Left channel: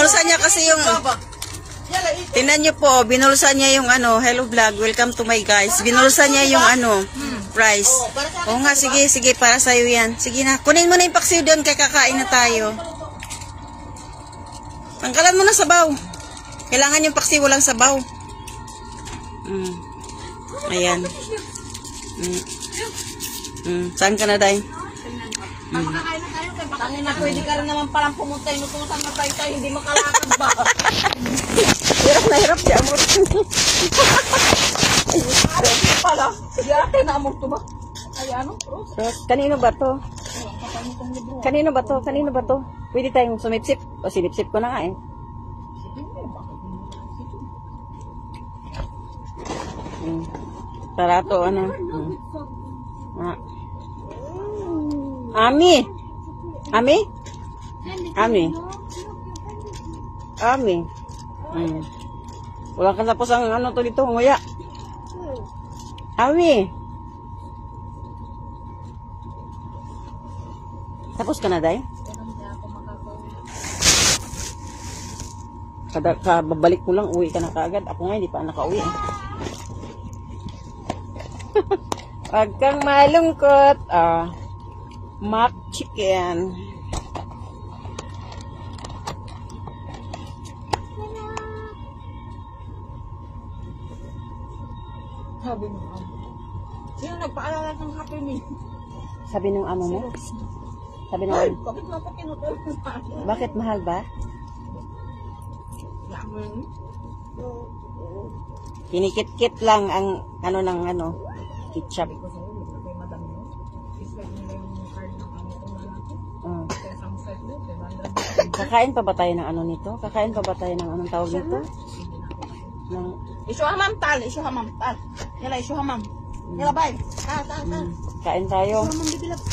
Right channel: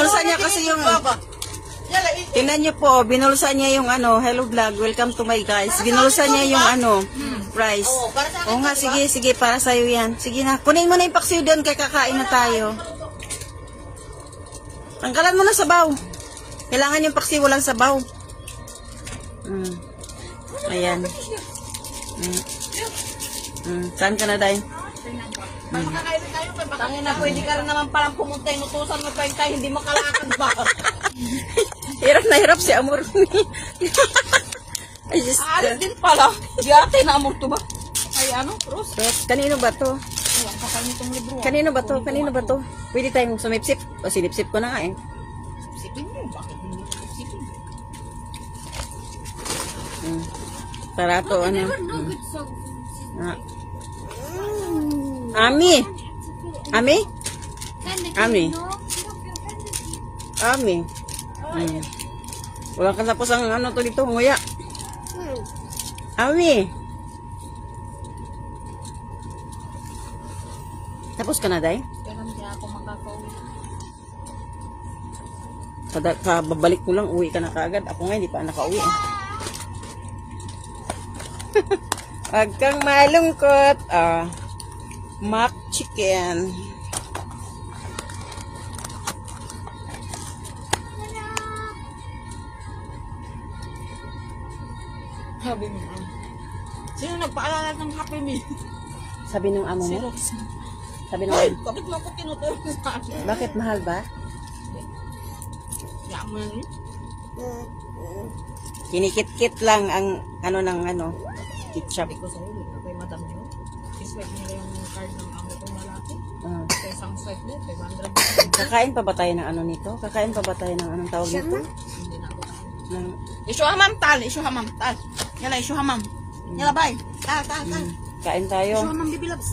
binulsa niya kasi yung... Tingnan niyo po, binulsa niya yung ano, hello vlog, welcome to my guys. Binulsa niya yung ano, rice. Oo nga, sige, sige, para sa'yo yan. Sige na, kunin mo na yung paksiw doon, kaya kakain na tayo. Tangkalan mo na sabaw. Kailangan yung paksiw, walang sabaw. Ayan. Saan ka na, Day? Makakain na tayo. Tangin na, pwede ka rin naman palang pumunta. Inutusan mo tayo tayo, hindi makalakad ba? Hirap na hirap si Amor. Alam ko pala. Si ate na Amor to ba? Ay ano, Rose? Kanino ba to? Alam pa kami itong libro. Kanino ba to? Kanino ba to? Pwede tayong sumipsip. O silipsip ko na nga eh. Sipin mo, bakit hindi ko sipin? Para to ano. Ami. Ami? Ami. Ami. Wala ka tapos ang ano to dito, nguya. Ami. Tapos ka na, Day? Pero hindi ako makakauwi. Babalik ko lang, uwi ka na kaagad. Ako nga, hindi pa nakauwi. Pag kang malungkot, mock chicken. Sabi mo, sino nagpaalala ng kape mo? Sabi nung amo mo? Sabi nung Ay, amo. bakit mo ako tinuturo sa akin? Bakit mahal ba? Kaya mo yan. Kinikit-kit lang ang ano ng ano, ketchup. Sabi ko sa'yo, hindi na kay madam nyo. I-swipe nila yung card ng amo kong lalaki. Sa isang swipe nyo, 500. Kakain pa ba tayo ng ano nito? Kakain pa ba tayo ng anong tawag nito? Hindi na ako. Ng, Isu hamam tal, isu hamam tal. Yala, isu hamam. Yala, bye. Tal. kain tayo. Isu hamam di bilabs.